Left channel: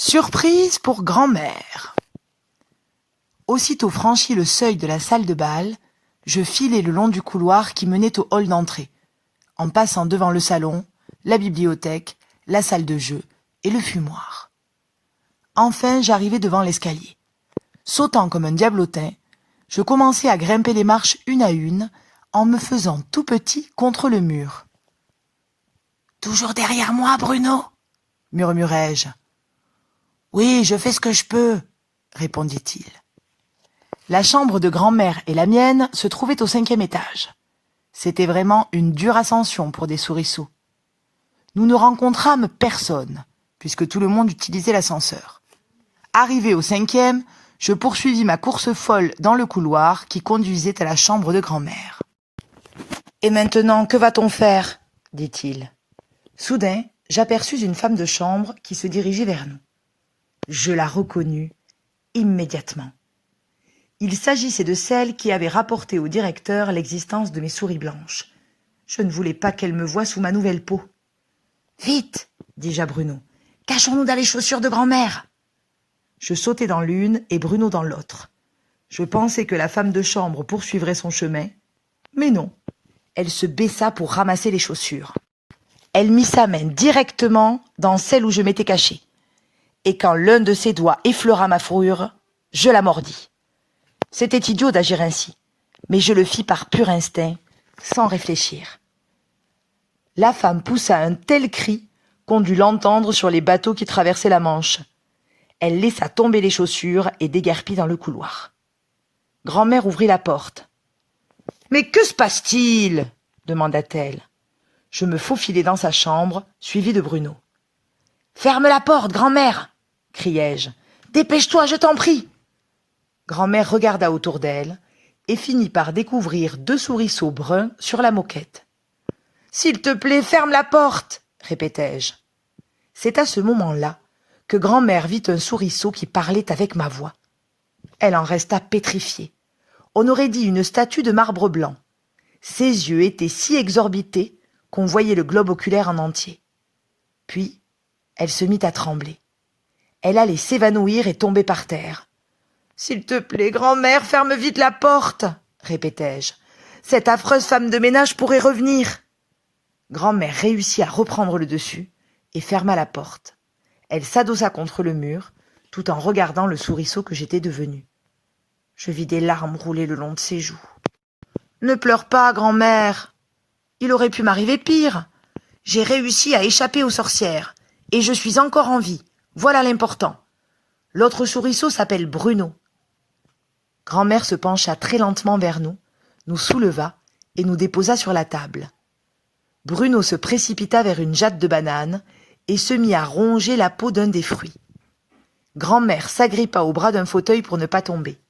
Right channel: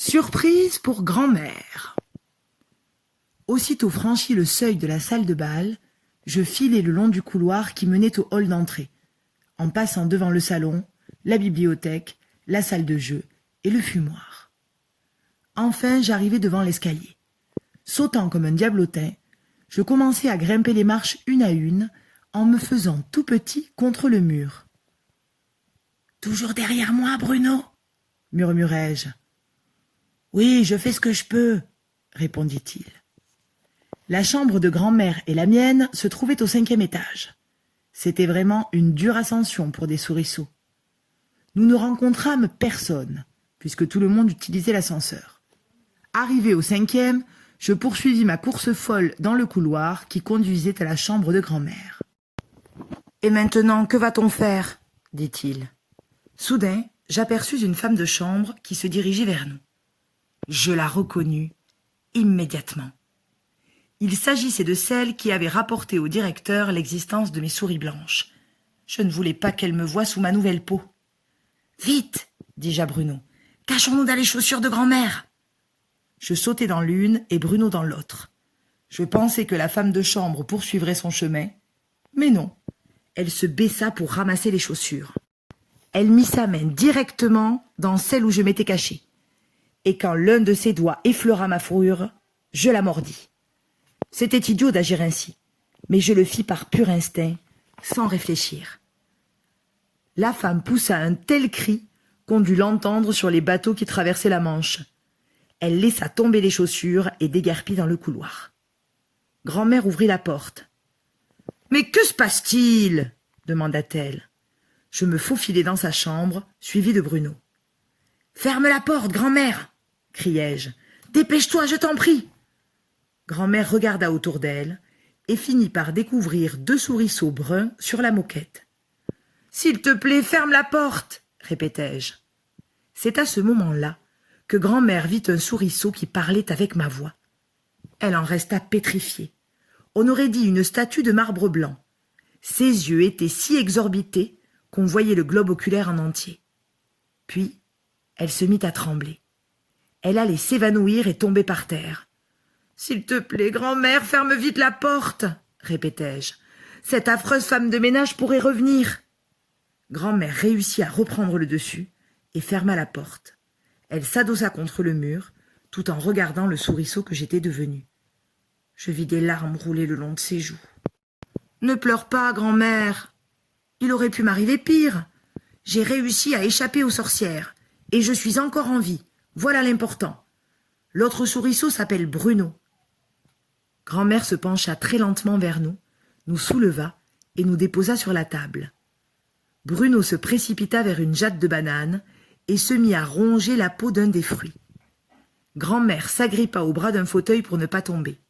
Surprise pour grand-mère. Aussitôt franchi le seuil de la salle de bal, je filai le long du couloir qui menait au hall d'entrée, en passant devant le salon, la bibliothèque, la salle de jeu et le fumoir. Enfin, j'arrivai devant l'escalier. Sautant comme un diablotin, je commençai à grimper les marches une à une, en me faisant tout petit contre le mur. « Toujours derrière moi, Bruno ?» murmurai-je. « Oui, je fais ce que je peux, » répondit-il. La chambre de grand-mère et la mienne se trouvaient au 5e étage. C'était vraiment une dure ascension pour des souriceaux. Nous ne rencontrâmes personne, puisque tout le monde utilisait l'ascenseur. Arrivé au 5e, je poursuivis ma course folle dans le couloir qui conduisait à la chambre de grand-mère. « Et maintenant, que va-t-on faire ?» dit-il. Soudain, j'aperçus une femme de chambre qui se dirigeait vers nous. Je la reconnus immédiatement. Il s'agissait de celle qui avait rapporté au directeur l'existence de mes souris blanches. Je ne voulais pas qu'elle me voie sous ma nouvelle peau. « Vite !» dis-je à Bruno. « Cachons-nous dans les chaussures de grand-mère !» Je sautai dans l'une et Bruno dans l'autre. Je pensais que la femme de chambre poursuivrait son chemin, mais non. Elle se baissa pour ramasser les chaussures. Elle mit sa main directement dans celle où je m'étais caché. Et quand l'un de ses doigts effleura ma fourrure, je la mordis. C'était idiot d'agir ainsi, mais je le fis par pur instinct, sans réfléchir. La femme poussa un tel cri qu'on dut l'entendre sur les bateaux qui traversaient la Manche. Elle laissa tomber les chaussures et déguerpit dans le couloir. Grand-mère ouvrit la porte. « Mais que se passe-t-il » demanda-t-elle. Je me faufilai dans sa chambre, suivi de Bruno. « Ferme la porte, grand-mère !» criai-je. « Dépêche-toi, je t'en prie !» Grand-mère regarda autour d'elle et finit par découvrir 2 souriceaux bruns sur la moquette. « S'il te plaît, ferme la porte !» répétai-je. C'est à ce moment-là que grand-mère vit un souriceau qui parlait avec ma voix. Elle en resta pétrifiée. On aurait dit une statue de marbre blanc. Ses yeux étaient si exorbités qu'on voyait le globe oculaire en entier. Puis, elle se mit à trembler. Elle allait s'évanouir et tomber par terre. « S'il te plaît, grand-mère, ferme vite la porte !» répétai-je. « Cette affreuse femme de ménage pourrait revenir !» Grand-mère réussit à reprendre le dessus et ferma la porte. Elle s'adossa contre le mur, tout en regardant le souriceau que j'étais devenu. Je vis des larmes rouler le long de ses joues. « Ne pleure pas, grand-mère. Il aurait pu m'arriver pire. J'ai réussi à échapper aux sorcières, et je suis encore en vie. Voilà l'important. L'autre souriceau s'appelle Bruno. » Grand-mère se pencha très lentement vers nous, nous souleva et nous déposa sur la table. Bruno se précipita vers une jatte de banane et se mit à ronger la peau d'un des fruits. Grand-mère s'agrippa au bras d'un fauteuil pour ne pas tomber.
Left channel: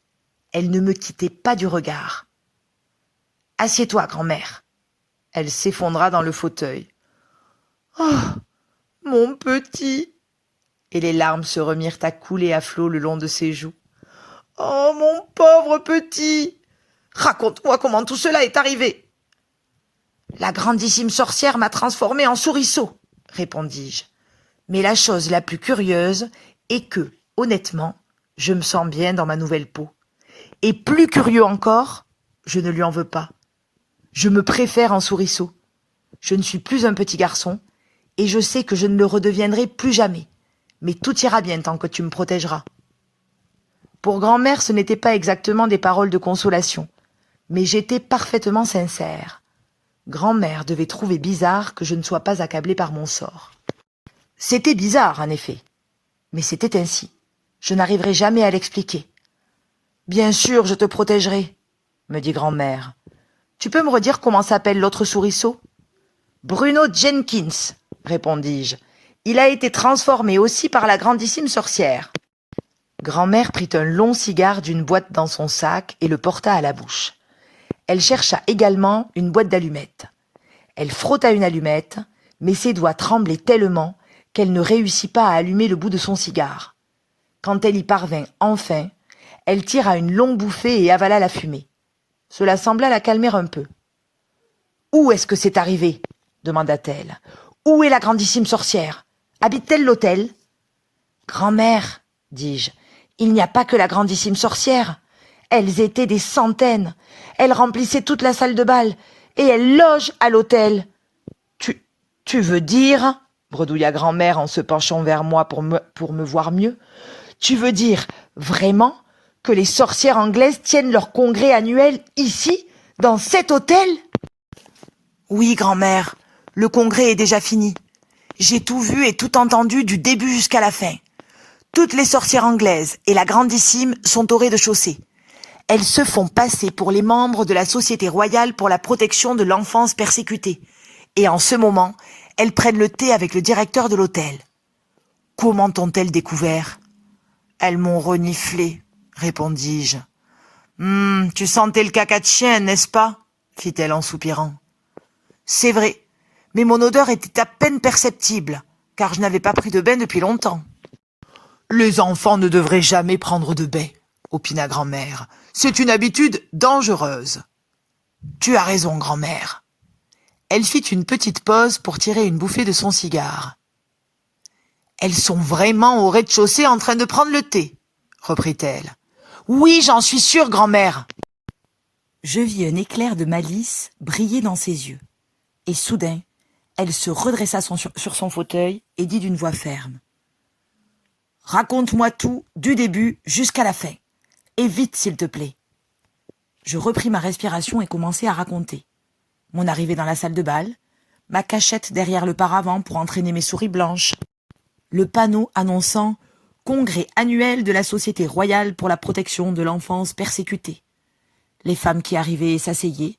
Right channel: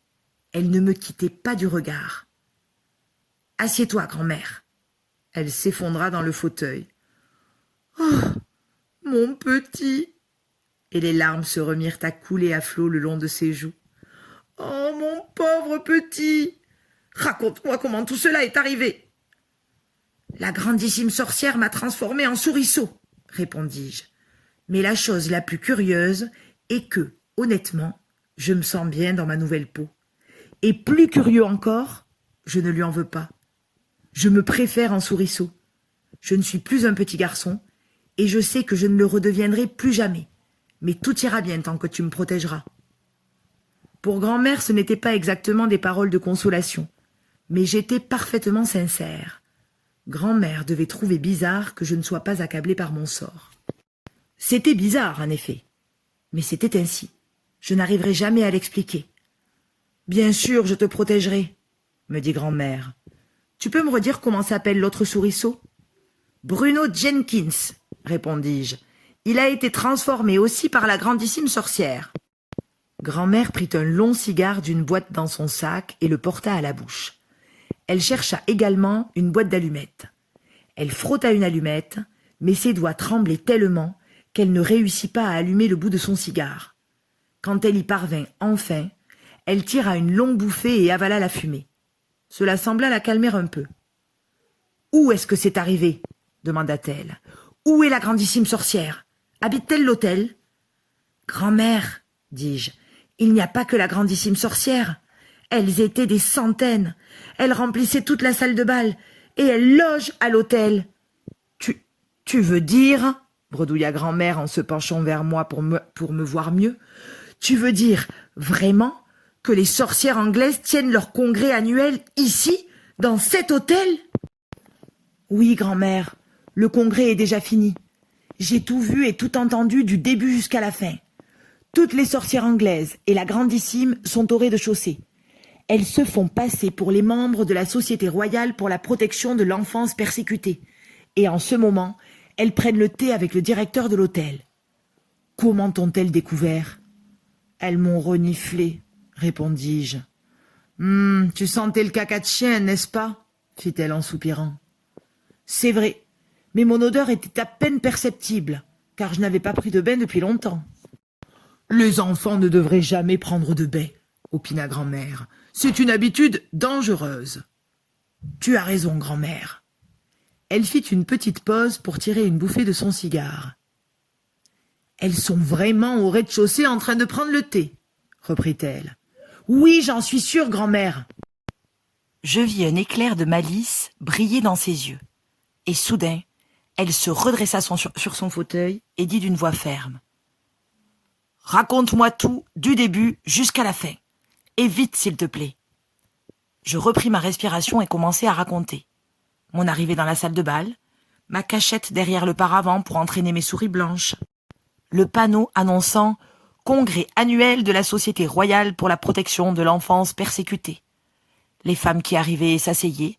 Elle ne me quittait pas du regard. « Assieds-toi, grand-mère. » Elle s'effondra dans le fauteuil. « Oh, mon petit !» Et les larmes se remirent à couler à flots le long de ses joues. « Oh, mon pauvre petit ! Raconte-moi comment tout cela est arrivé. »« La grandissime sorcière m'a transformé en souriceau, » répondis-je. « Mais la chose la plus curieuse est que, honnêtement, je me sens bien dans ma nouvelle peau. Et plus curieux encore, je ne lui en veux pas. Je me préfère en souriceau. Je ne suis plus un petit garçon, et je sais que je ne le redeviendrai plus jamais. Mais tout ira bien tant que tu me protégeras. » Pour grand-mère, ce n'étaient pas exactement des paroles de consolation, mais j'étais parfaitement sincère. Grand-mère devait trouver bizarre que je ne sois pas accablée par mon sort. C'était bizarre, en effet, mais c'était ainsi. Je n'arriverai jamais à l'expliquer. « Bien sûr, je te protégerai, » me dit grand-mère. « Tu peux me redire comment s'appelle l'autre souriceau ?»« Bruno Jenkins, » répondis-je. « Il a été transformé aussi par la grandissime sorcière. » Grand-mère prit un long cigare d'une boîte dans son sac et le porta à la bouche. Elle chercha également une boîte d'allumettes. Elle frotta une allumette, mais ses doigts tremblaient tellement qu'elle ne réussit pas à allumer le bout de son cigare. Quand elle y parvint enfin, elle tira une longue bouffée et avala la fumée. Cela sembla la calmer un peu. « Où est-ce que c'est arrivé ?» demanda-t-elle. « Où est la grandissime sorcière ? Habite-t-elle l'hôtel ?» Grand-mère, dis-je, il n'y a pas que la grandissime sorcière. Elles étaient des centaines. Elles remplissaient toute la salle de bal et elles logent à l'hôtel. Tu veux dire, bredouilla grand-mère en se penchant vers moi pour me voir mieux, tu veux dire vraiment que les sorcières anglaises tiennent leur congrès annuel ici, dans cet hôtel? Oui, grand-mère, le congrès est déjà fini. J'ai tout vu et tout entendu du début jusqu'à la fin. Toutes les sorcières anglaises et la grandissime sont au rez-de-chaussée. Elles se font passer pour les membres de la Société royale pour la protection de l'enfance persécutée. Et en ce moment, elles prennent le thé avec le directeur de l'hôtel. Comment t'ont-elles découvert? Elles m'ont reniflé, répondis-je. Tu sentais le caca de chien, n'est-ce pas? Fit-elle en soupirant. C'est vrai, mais mon odeur était à peine perceptible, car je n'avais pas pris de bain depuis longtemps. Les enfants ne devraient jamais prendre de bain, opina grand-mère. C'est une habitude dangereuse. Tu as raison, grand-mère. Elle fit une petite pause pour tirer une bouffée de son cigare. Elles sont vraiment au rez-de-chaussée en train de prendre le thé, reprit-elle. Oui, j'en suis sûre, grand-mère. Je vis un éclair de malice briller dans ses yeux. Et soudain, elle se redressa sur son fauteuil et dit d'une voix ferme. Raconte-moi tout, du début jusqu'à la fin. Et vite, s'il te plaît. Je repris ma respiration et commençai à raconter. Mon arrivée dans la salle de bal, ma cachette derrière le paravent pour entraîner mes souris blanches, le panneau annonçant « Congrès annuel de la Société royale pour la protection de l'enfance persécutée », les femmes qui arrivaient et s'asseyaient,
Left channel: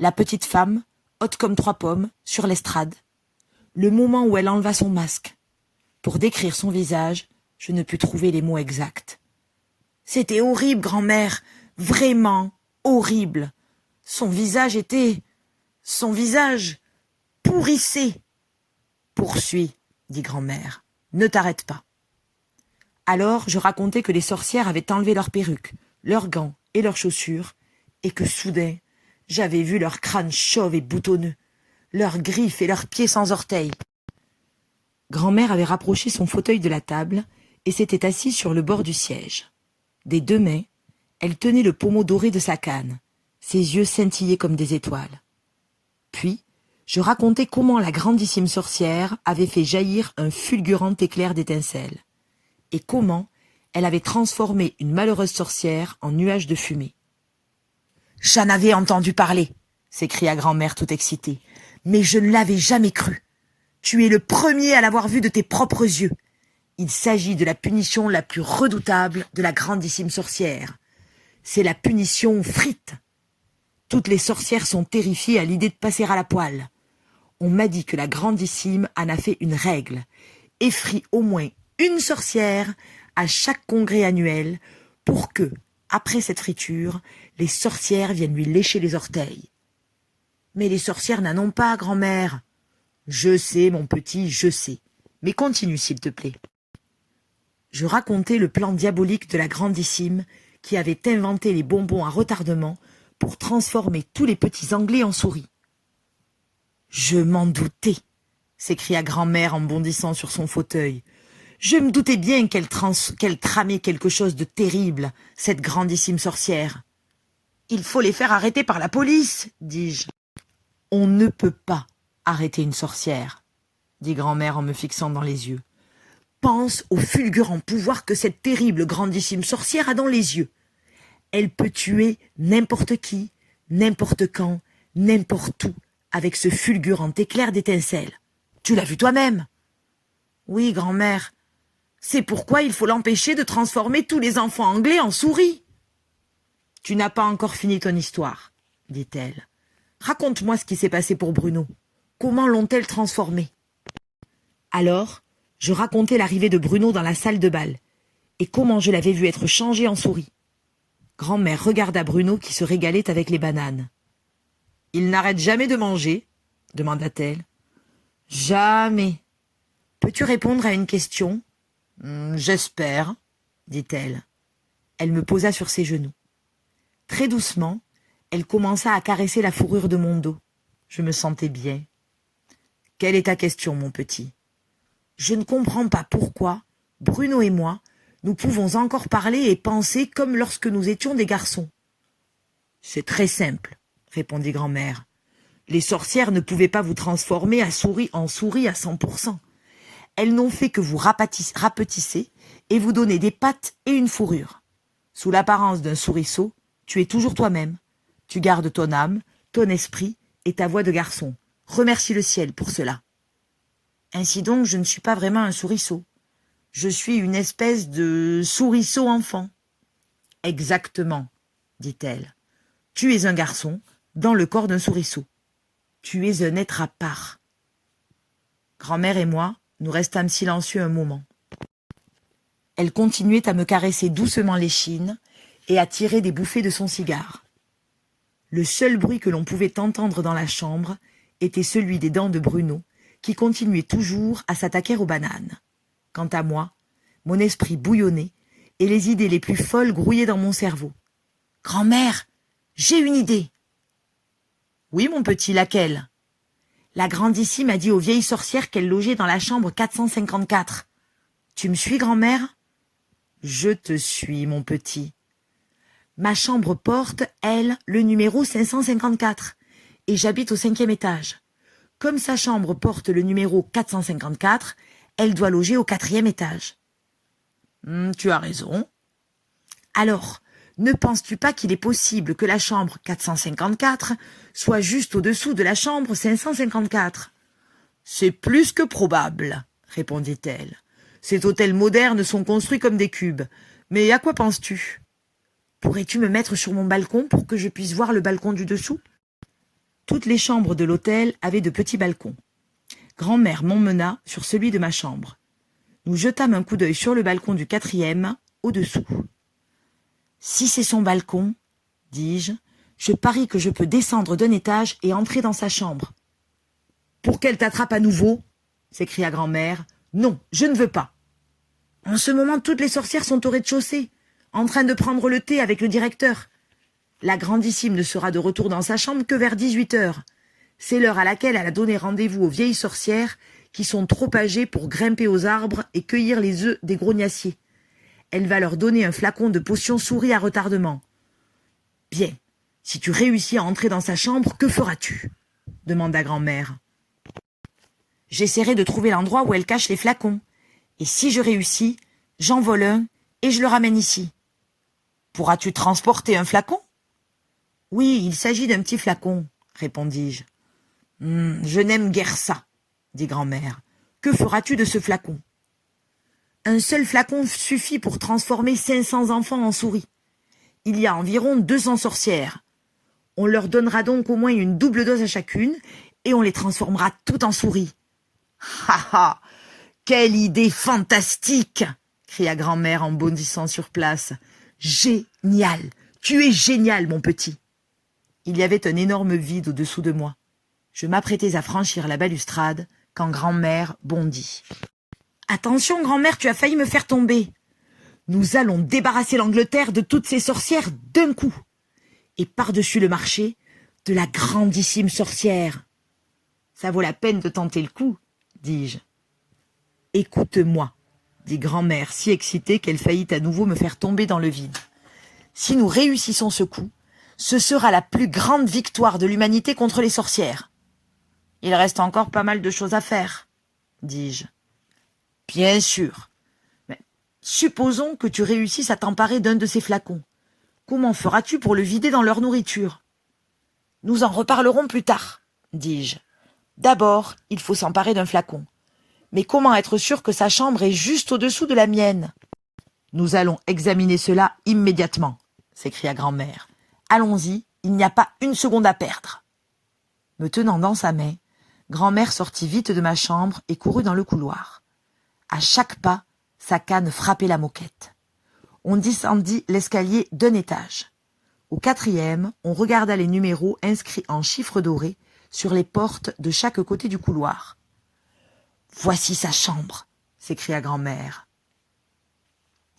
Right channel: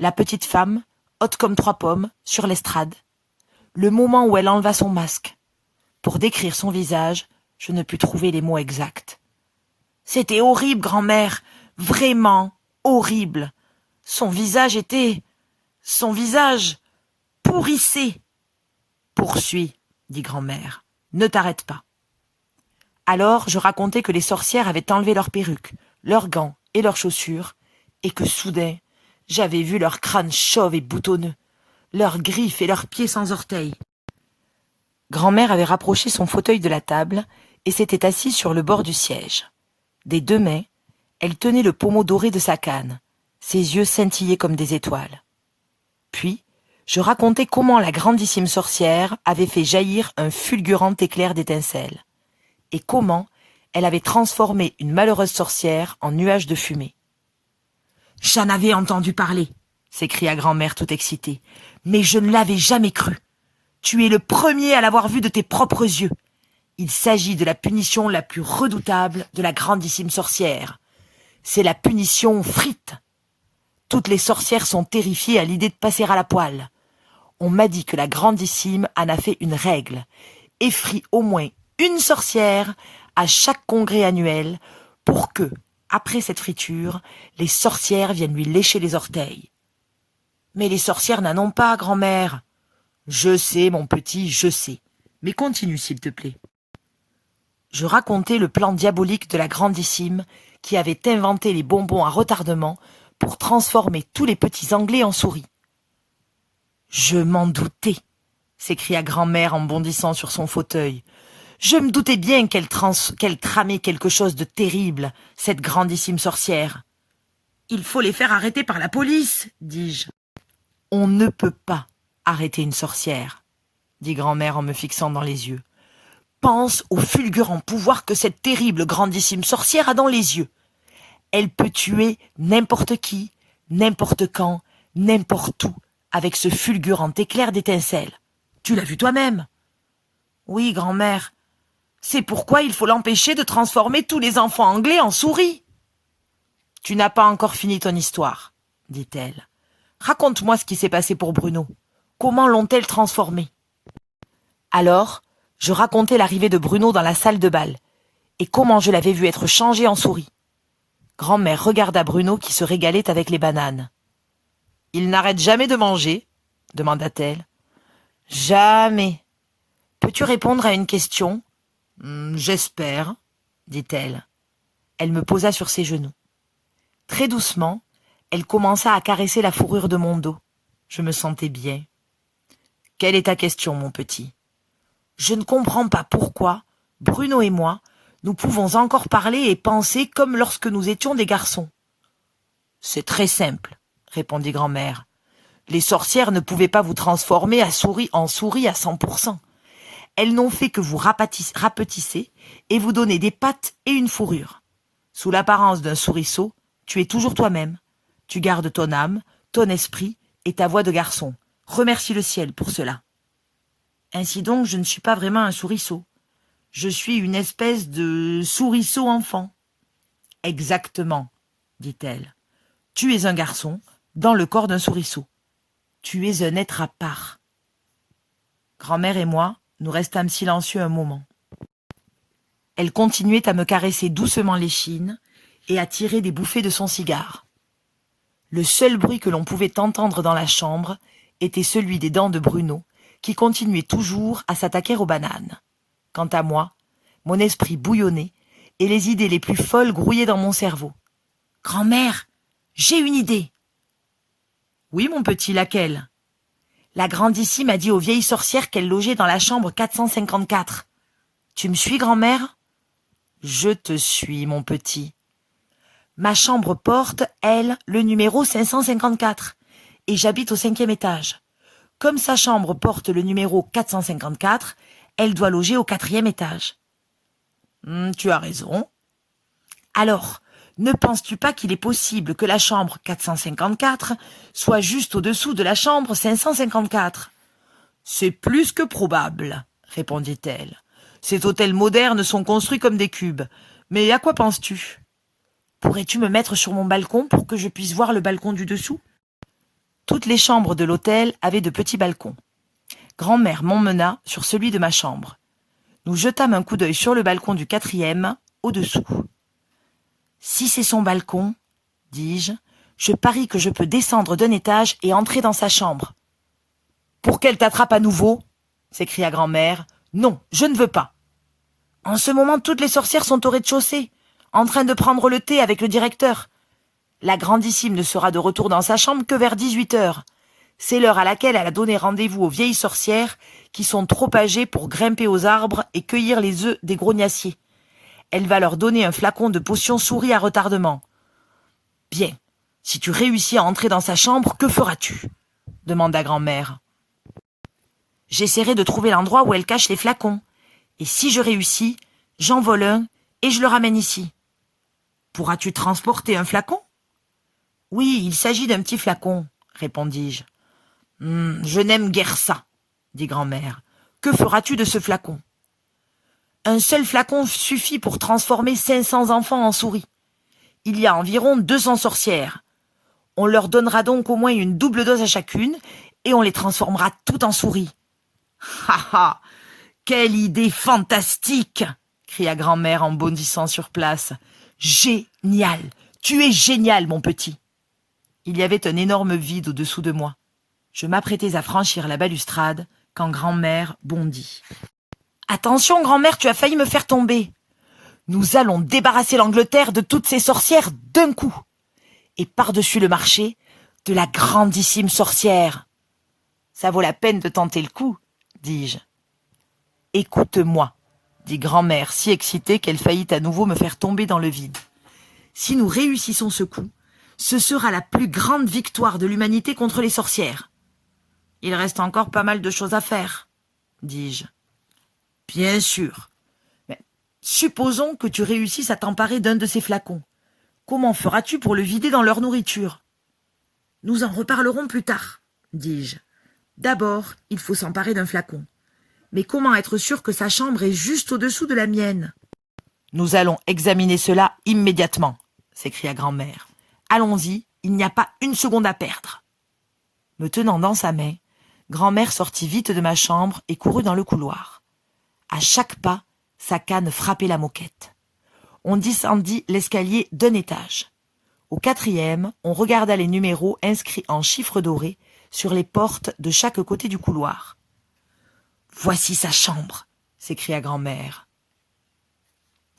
la petite femme, haute comme 3 pommes, sur l'estrade, le moment où elle enleva son masque. Pour décrire son visage, je ne pus trouver les mots exacts. C'était horrible, grand-mère, vraiment horrible. Son visage pourrissait. Poursuis, dit grand-mère, ne t'arrête pas. Alors je racontai que les sorcières avaient enlevé leurs perruques, leurs gants et leurs chaussures, et que soudain, j'avais vu leurs crânes chauves et boutonneux, leurs griffes et leurs pieds sans orteils. Grand-mère avait rapproché son fauteuil de la table et s'était assise sur le bord du siège. Des 2 mains, elle tenait le pommeau doré de sa canne, ses yeux scintillaient comme des étoiles. Puis, je racontai comment la grandissime sorcière avait fait jaillir un fulgurant éclair d'étincelles, et comment elle avait transformé une malheureuse sorcière en nuage de fumée. « J'en avais entendu parler !» s'écria grand-mère tout excitée. « Mais je ne l'avais jamais cru. Tu es le premier à l'avoir vu de tes propres yeux. Il s'agit de la punition la plus redoutable de la grandissime sorcière. C'est la punition frite. Toutes les sorcières sont terrifiées à l'idée de passer à la poêle. On m'a dit que la grandissime en a fait une règle, et frit au moins une sorcière à chaque congrès annuel pour que, après cette friture, les sorcières viennent lui lécher les orteils. Mais les sorcières n'en ont pas, grand-mère. Je sais, mon petit, je sais. Mais continue, s'il te plaît. Je racontai le plan diabolique de la grandissime qui avait inventé les bonbons à retardement pour transformer tous les petits Anglais en souris. « Je m'en doutais !» s'écria grand-mère en bondissant sur son fauteuil. « Je me doutais bien qu'elle tramait quelque chose de terrible, cette grandissime sorcière. »« Il faut les faire arrêter par la police, dis-je. »« On ne peut pas arrêter une sorcière, » dit grand-mère en me fixant dans les yeux. « Pense au fulgurant pouvoir que cette terrible grandissime sorcière a dans les yeux. Elle peut tuer n'importe qui, n'importe quand, n'importe où, avec ce fulgurant éclair d'étincelles. Tu l'as vu toi-même. »« Oui, grand-mère. C'est pourquoi il faut l'empêcher de transformer tous les enfants anglais en souris. »« Tu n'as pas encore fini ton histoire, » dit-elle. « Raconte-moi ce qui s'est passé pour Bruno. Comment l'ont-elles transformé ?» Alors, je racontai l'arrivée de Bruno dans la salle de bal, et comment je l'avais vu être changé en souris. Grand-mère regarda Bruno qui se régalait avec les bananes. « Il n'arrête jamais de manger ?» demanda-t-elle. « Jamais. Peux-tu répondre à une question ?»« J'espère, » dit-elle. Elle me posa sur ses genoux. Très doucement, elle commença à caresser la fourrure de mon dos. Je me sentais bien. « Quelle est ta question, mon petit ?»« Je ne comprends pas pourquoi Bruno et moi, nous pouvons encore parler et penser comme lorsque nous étions des garçons. »« C'est très simple, » répondit grand-mère. « Les sorcières ne pouvaient pas vous transformer en souris à 100%. Elles n'ont fait que vous rapetisser et vous donner des pattes et une fourrure. Sous l'apparence d'un souriceau, tu es toujours toi-même. Tu gardes ton âme, ton esprit et ta voix de garçon. Remercie le ciel pour cela. » « Ainsi donc, je ne suis pas vraiment un souriceau. Je suis une espèce de souriceau enfant. »« Exactement, dit-elle. Tu es un garçon dans le corps d'un souriceau. Tu es un être à part. » Grand-mère et moi, nous restâmes silencieux un moment. Elle continuait à me caresser doucement l'échine et à tirer des bouffées de son cigare. Le seul bruit que l'on pouvait entendre dans la chambre était celui des dents de Bruno, qui continuait toujours à s'attaquer aux bananes. Quant à moi, mon esprit bouillonnait et les idées les plus folles grouillaient dans mon cerveau. « Grand-mère, j'ai une idée !»« Oui, mon petit, laquelle ?»« La grandissime a dit aux vieilles sorcières qu'elle logeait dans la chambre 454. Tu me suis, grand-mère ?»« Je te suis, mon petit. » Ma chambre porte, elle, le numéro 554, et j'habite au 5e étage. Comme sa chambre porte le numéro 454, elle doit loger au 4e étage. Tu as raison. Alors, ne penses-tu pas qu'il est possible que la chambre 454 soit juste au-dessous de la chambre 554 ? C'est plus que probable, répondit-elle. Ces hôtels modernes sont construits comme des cubes. Mais à quoi penses-tu ? Pourrais-tu me mettre sur mon balcon pour que je puisse voir le balcon du dessous ? Toutes les chambres de l'hôtel avaient de petits balcons. Grand-mère m'emmena sur celui de ma chambre. Nous jetâmes un coup d'œil sur le balcon du 4e, au-dessous. « Si c'est son balcon, dis-je, je parie que je peux descendre d'un étage et entrer dans sa chambre. »« Pour qu'elle t'attrape à nouveau ?» s'écria grand-mère. « Non, je ne veux pas. »« En ce moment, toutes les sorcières sont au rez-de-chaussée, en train de prendre le thé avec le directeur. La grandissime ne sera de retour dans sa chambre que vers 18h. C'est l'heure à laquelle elle a donné rendez-vous aux vieilles sorcières qui sont trop âgées pour grimper aux arbres et cueillir les œufs des grognassiers. Elle va leur donner un flacon de potion souris à retardement. « Bien, si tu réussis à entrer dans sa chambre, que feras-tu » demanda grand-mère. « J'essaierai de trouver l'endroit où elle cache les flacons. Et si je réussis, j'en vole un et je le ramène ici. »« Pourras-tu transporter un flacon ?»« Oui, il s'agit d'un petit flacon, » répondis-je. « Je n'aime guère ça, » dit grand-mère. « Que feras-tu de ce flacon ?»« Un seul flacon suffit pour transformer 500 enfants en souris. Il y a environ 200 sorcières. On leur donnera donc au moins une double dose à chacune et on les transformera toutes en souris. »« Ha ha ! Quelle idée fantastique !» cria grand-mère en bondissant sur place. « Génial ! Tu es génial, mon petit !» Il y avait un énorme vide au-dessous de moi. Je m'apprêtais à franchir la balustrade quand grand-mère bondit. « Attention, grand-mère, tu as failli me faire tomber. Nous allons débarrasser l'Angleterre de toutes ces sorcières d'un coup. Et par-dessus le marché, de la grandissime sorcière. »« Ça vaut la peine de tenter le coup, » dis-je. « Écoute-moi, » dit grand-mère si excitée qu'elle faillit à nouveau me faire tomber dans le vide. « Si nous réussissons ce coup, ce sera la plus grande victoire de l'humanité contre les sorcières. »« Il reste encore pas mal de choses à faire, » dis-je. « Bien sûr. Mais supposons que tu réussisses à t'emparer d'un de ces flacons. Comment feras-tu pour le vider dans leur nourriture ? » « Nous en reparlerons plus tard, » dis-je. « D'abord, il faut s'emparer d'un flacon. Mais comment être sûr que sa chambre est juste au-dessous de la mienne ? » « Nous allons examiner cela immédiatement, » s'écria grand-mère. « Allons-y, il n'y a pas une seconde à perdre. » Me tenant dans sa main, grand-mère sortit vite de ma chambre et courut dans le couloir. À chaque pas, sa canne frappait la moquette. On descendit l'escalier d'un étage. Au 4e, on regarda les numéros inscrits en chiffres dorés sur les portes de chaque côté du couloir. « Voici sa chambre !» s'écria grand-mère.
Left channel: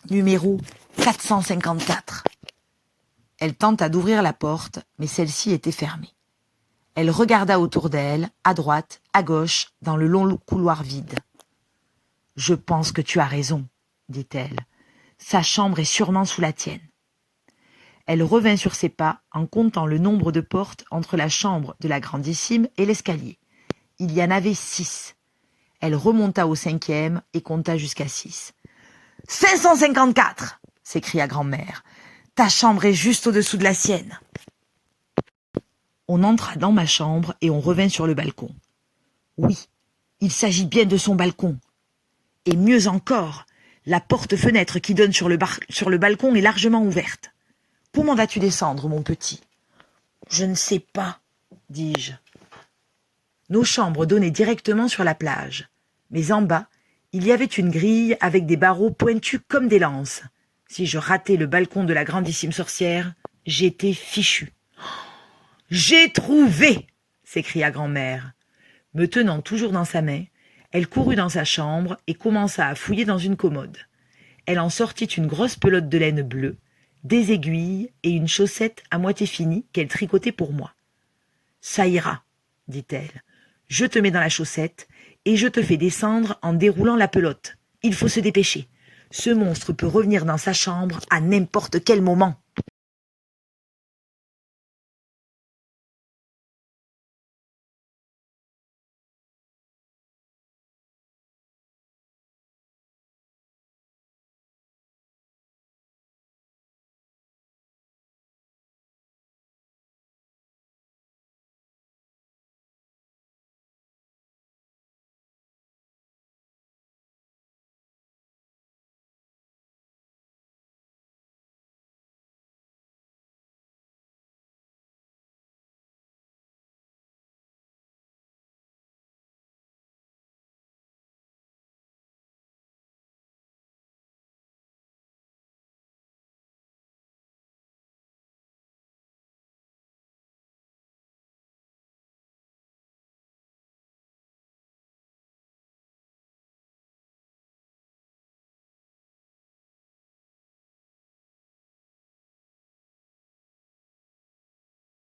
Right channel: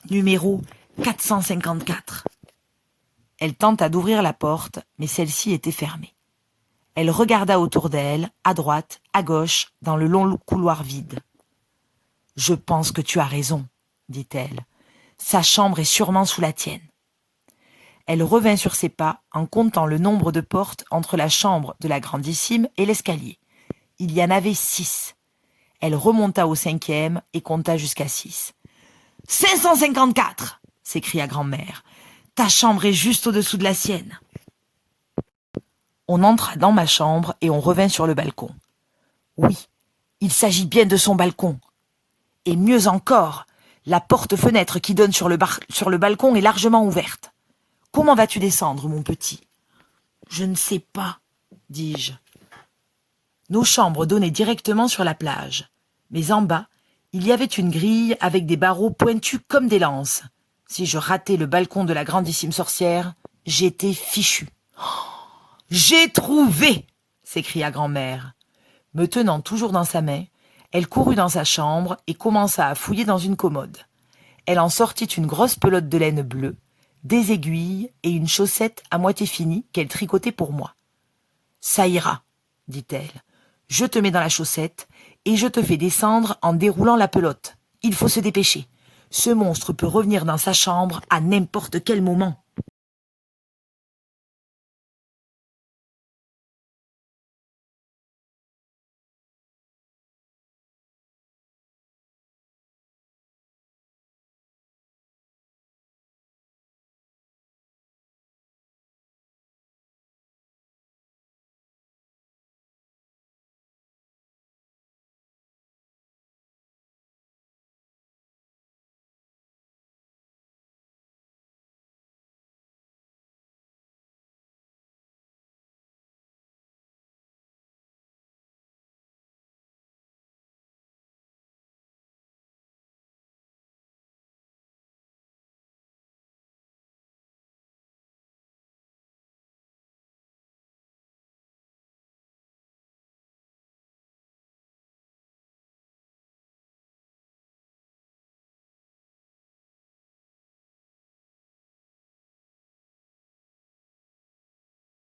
Numéro 454. Elle tenta d'ouvrir la porte, mais celle-ci était fermée. Elle regarda autour d'elle, à droite, à gauche, dans le long couloir vide. « Je pense que tu as raison, » dit-elle. Sa chambre est sûrement sous la tienne. Elle revint sur ses pas en comptant le nombre de portes entre la chambre de la grandissime et l'escalier. Il y en avait 6. Elle remonta au 5e et compta jusqu'à 6. « 554 !» s'écria grand-mère. « Ta chambre est juste au-dessous de la sienne. » On entra dans ma chambre et on revint sur le balcon. Oui, il s'agit bien de son balcon. Et mieux encore, la porte-fenêtre qui donne sur le balcon est largement ouverte. Comment vas-tu descendre, mon petit ? Je ne sais pas, dis-je. Nos chambres donnaient directement sur la plage, mais en bas, il y avait une grille avec des barreaux pointus comme des lances. Si je ratais le balcon de la grandissime sorcière, j'étais fichu. « J'ai trouvé !» s'écria grand-mère. Me tenant toujours dans sa main, elle courut dans sa chambre et commença à fouiller dans une commode. Elle en sortit une grosse pelote de laine bleue, des aiguilles et une chaussette à moitié finie qu'elle tricotait pour moi. « Ça ira, » dit-elle. « Je te mets dans la chaussette et je te fais descendre en déroulant la pelote. Il faut se dépêcher. Ce monstre peut revenir dans sa chambre à n'importe quel moment. »